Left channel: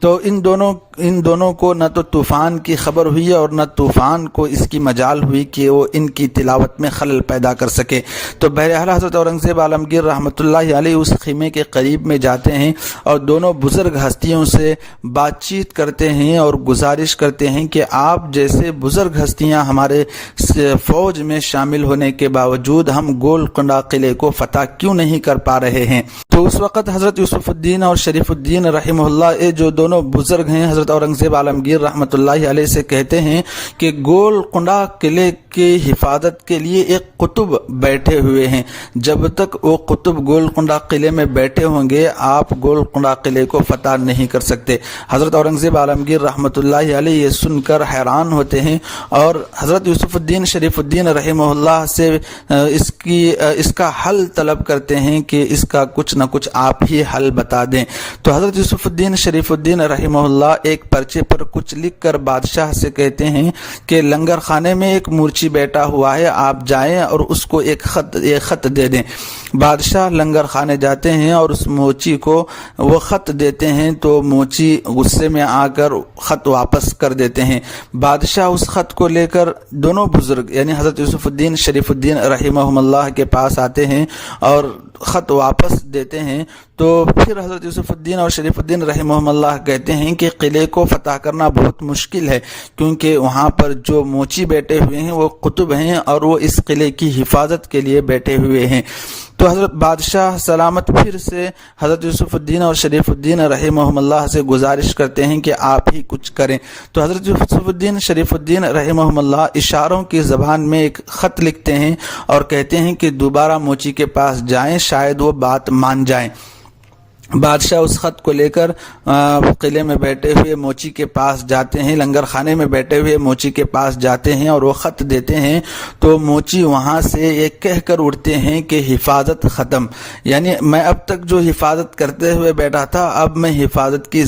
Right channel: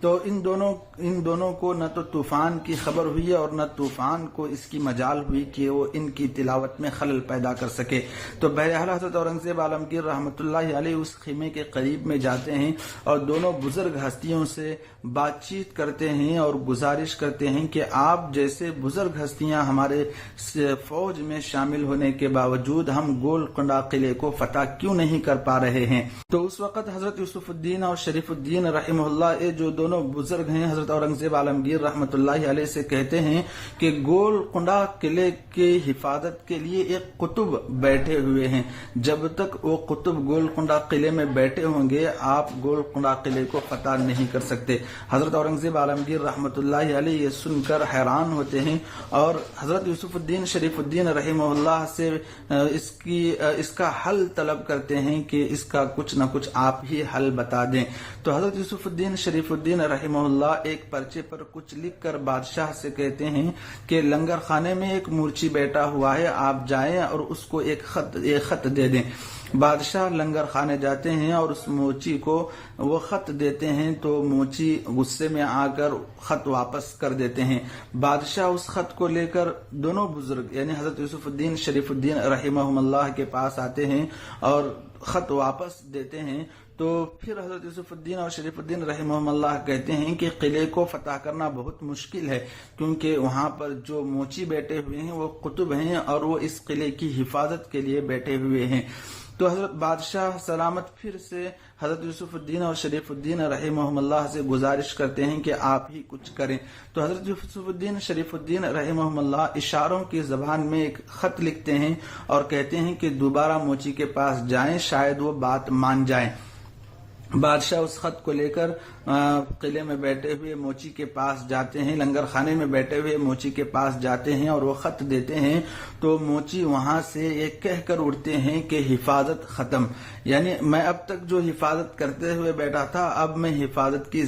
تو ان دونوں کو نہ تو طوفان کی خبر ہوئی اور نہ طوفان کو اس کی مجال ہوئی کہ وہ ان کی تلاوت میں خلل پیدا کر سکے۔ تو بہرحال حضرت اورنگزیب عالمگیر رحمۃ اللہ علیہ اس خیمے کے قریب میں جاتے ہیں اور دونوں بزرگ ہستیوں سے بات چیت کرتے ہیں اور گزارش کرتے ہیں کہ آپ جیسے بزرگ ہستیاں ہمارے فوج میں شامل ہونے کے باوجود ہم گولکنڈہ قلعے کو فتح کیوں نہیں کر پا رہے ہیں۔ تو اس وقت حضرت یوسف الدین اور شریف الدین رحمہ اللہ یہ جو دونوں بزرگ ہیں حضرت اورنگزیب عالمگیر رحمۃ اللہ علیہ سے کہتے ہیں کہ گولکنڈہ قلعے کی حفاظت کے لیے ایک قطب بیٹھے ہوئے ہیں، جب تک وہ قطب گولکنڈہ قلعے میں بیٹھے ہوں گے آپ گولکنڈہ قلعے کو فتح نہیں کر سکتے۔ حضرت اورنگزیب عالمگیر رحمۃ اللہ علیہ یہ سن کر حیران ہوتے ہیں اور حضرت یوسف الدین شریف الدین رحمہ اللہ سے اس کا حل طلب کرتے ہیں کہ اس کا کچھ نہ کچھ آپ ہی حل بتا دیں۔ تو حضرت یوسف الدین شریف الدین رحمہ اللہ ایک پرچے پر کچھ لکھ کر بادشاہ سے کہتے ہیں کہ لنگر خانے میں ایک مورچی بیٹھا ہوا ہے، آپ جائیں اور اس کو ایک خط دے دیں۔ بادشاہ لنگر خانے جاتے ہیں اور اس موچی کو وہ خط دیتے ہیں تو موچی غصے میں آ کر خط واپس کر دیتے ہیں۔ بادشاہ اس خط کو لے کر دونوں بزرگ یعنی حضرت یوسف الدین شریف الدین رحمہ اللہ کے پاس آتے ہیں اور خط واپس دیتے ہیں۔ تو پھر حضرت یوسف الدین اور شریف الدین رحمہ اللہ کہتے ہیں کہ قلعے کو فتح کرنا بہت مشکل ہے، کیونکہ وہاں پر جو موچی بیٹھے ہوئے ہیں وہ قطب ہیں اور وہ اس قلعے کی حفاظت کے لیے بیٹھے ہوئے ہیں۔ تو حضرت بادشاہ سلامت پھر سے حضرت یوسف الدین اور شریف الدین رحمہ اللہ سے گزارش کرتے ہیں کہ آپ ہی کچھ کریں۔ تو حضرت یوسف الدین شریف الدین رحمہ اللہ اشاروں کی زبان میں ایک خط لکھتے ہیں اور کہتے ہیں کہ دوبارہ موچی کے پاس جائیں، شاید وہ بات مان جائیں۔ بادشاہ اس خط کو لے کر قلعے میں بیٹھے ہوئے موچی کے پاس جاتے ہیں، لنگر خانے میں بیٹھے ہوئے موچی کے پاس جاتے ہیں اور وہ خط دیتے ہیں تو موچی وہاں سے یہ کہہ کر اٹھتے ہیں کہ حفاظت ختم، یعنی میں اب تک جو حفاظت کرتے ہوئے بیٹھا تھا اب میں حفاظت کی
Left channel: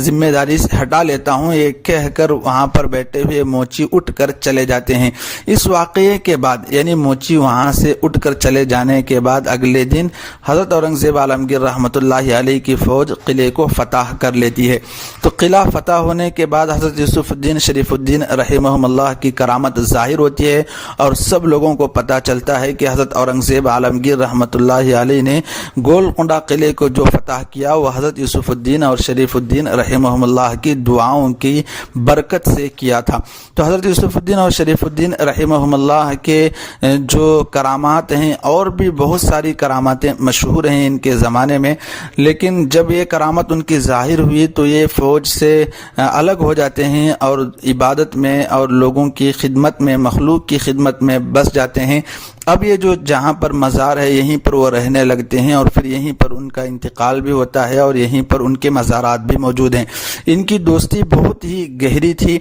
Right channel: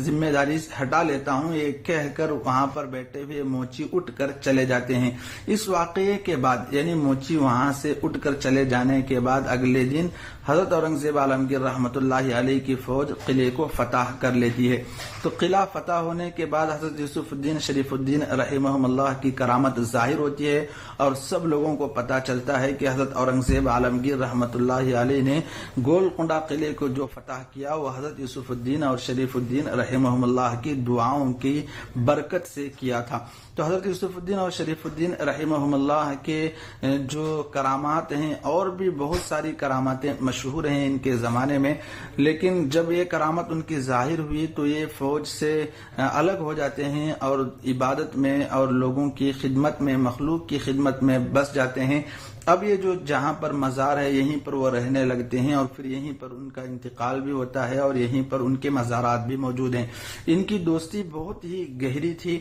ذمہ داری سے ہٹا لیتا ہوں، یہ کہہ کر وہاں پر بیٹھے ہوئے موچی اٹھ کر چلے جاتے ہیں۔ اس واقعے کے بعد یعنی موچی وہاں سے اٹھ کر چلے جانے کے بعد اگلے دن حضرت اورنگزیب عالمگیر رحمۃ اللہ علیہ کی فوج قلعے کو فتح کر لیتی ہے۔ تو قلعہ فتح ہونے کے بعد حضرت یوسف الدین شریف الدین رحمہ اللہ کی کرامت ظاہر ہوتی ہے اور سب لوگوں کو پتہ چلتا ہے کہ حضرت اورنگزیب عالمگیر رحمۃ اللہ علیہ نے گولکنڈہ قلعے کو جو فتح کیا وہ حضرت یوسف الدین اور شریف الدین رحمہ اللہ کی دعاؤں کی برکت سے کیا تھا۔ تو حضرت یوسف الدین اور شریف الدین رحمہ اللہ کے جو کرامات ہیں اور بھی بہت ساری کراماتیں مشہور ہیں ان کے زمانے میں، لیکن جب یہ کرامت ان کی ظاہر ہوئی تو یہ فوج سے الگ ہو جاتے ہیں اور عبادت میں اور لوگوں کی خدمت میں مخلوق کی خدمت میں بس جاتے ہیں۔ اب یہ جو جہاں پر مزار ہے یہیں پر وہ رہنے لگتے ہیں اور پھر یہیں پر ان کا انتقال بھی ہوتا ہے اور یہیں پر ان کے مزارات بھی موجود ہیں۔ ان کی دوستی بہت ہی گہری تھی،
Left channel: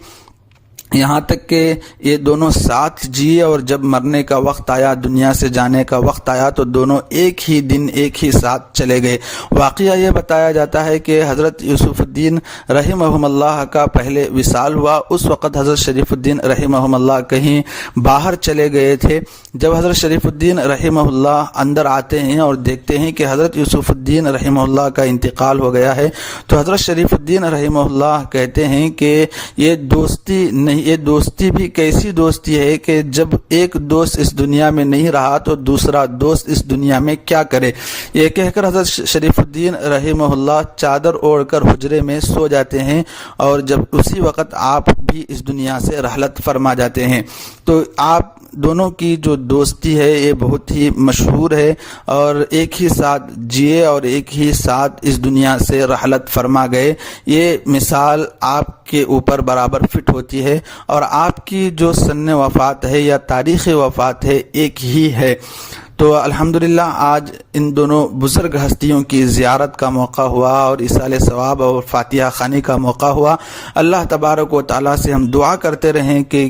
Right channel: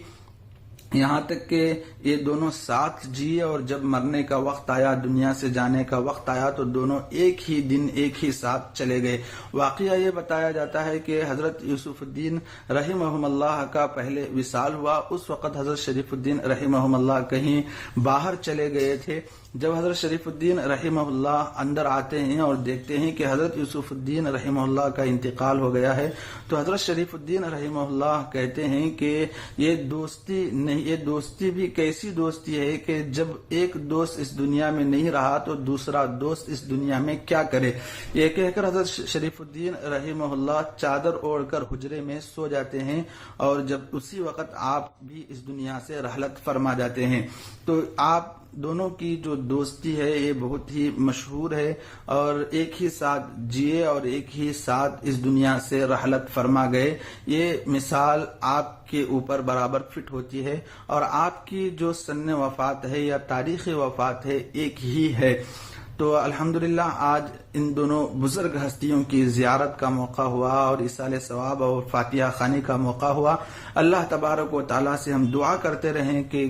یہاں تک کہ یہ دونوں ساتھ جیے اور جب مرنے کا وقت آیا دنیا سے جانے کا وقت آیا تو دونوں ایک ہی دن ایک ہی ساتھ چلے گئے۔ واقعہ یہ بتایا جاتا ہے کہ حضرت یوسف الدین رحمہ اللہ کا پہلے وصال ہوا، اس وقت حضرت شریف الدین رحمہ اللہ کہیں باہر چلے گئے تھے۔ جب حضرت شریف الدین رحمہ اللہ اندر آتے ہیں اور دیکھتے ہیں کہ حضرت یوسف الدین رحمہ اللہ کا انتقال ہو گیا ہے تو حضرت شریف الدین رحمہ اللہ کہتے ہیں کہ یہ دوستی نہیں، یہ دوستی بھی کیسی دوستی ہے کہ جب ایک دوست اس دنیا میں نہیں رہا تو دوسرا دوست اس دنیا میں کیا کرے۔ یہ کہہ کر حضرت شریف الدین رحمہ اللہ چادر اوڑھ کر حجرے میں سو جاتے ہیں اور جب اسی وقت آپ بھی اس دنیا سے رحلت فرما جاتے ہیں۔ تو آپ دونوں کی جو دوستی ہے یہ بہت ہی مشہور ہے اور ایک ہی ساتھ جیے اور ایک ہی ساتھ اس دنیا سے رحلت فرما گئے۔ یہ مثال آپ کے اوپر برابر فٹ ہوتی ہے اور آپ کی جو سن وفات ہے یا تاریخ وفات ہے ایک ہی ہے۔ تو الحمدللہ آج ان دونوں بزرگ ہستیوں کی زیارت کا موقع ہوا اور ایصال ثواب اور فاتحہ خوانی کا موقع ہوا۔ اللہ تبارک و تعالیٰ سے ہم دعا کرتے رہیں کہ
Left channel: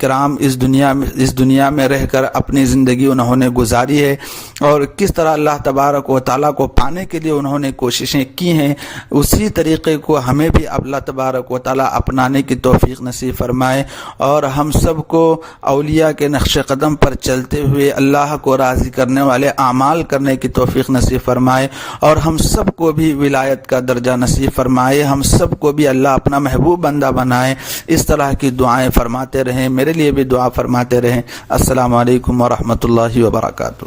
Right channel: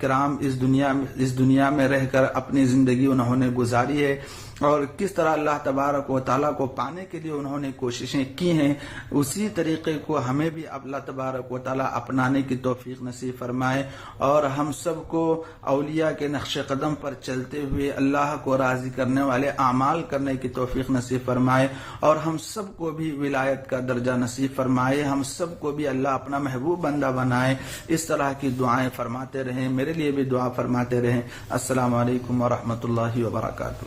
کرام اس دنیا میں رہ کر اپنی زندگی انہوں نے گزاری ہے اور کس طرح اللہ تبارک و تعالیٰ کو پانے کے لیے انہوں نے کوششیں کی ہیں، اسی طریقے کو ہمیں بھی اللہ تبارک و تعالیٰ اپنانے کی توفیق نصیب فرمائے اور ہم سب کو اولیاء کے نقش قدم پر چلتے ہوئے اللہ کو راضی کرنے والے اعمال کرنے کی توفیق نصیب فرمائے اور ہم سب کو بھی ولایت کا درجہ نصیب فرمائے، ہم سب کو بھی اللہ اپنا محبوب بندہ بنائے۔ اس طرح کی دعائیں فرماتے رہیں، میرے لیے بھی دعا فرماتے رہیں۔ السلام علیکم ورحمۃ اللہ وبرکاتہ۔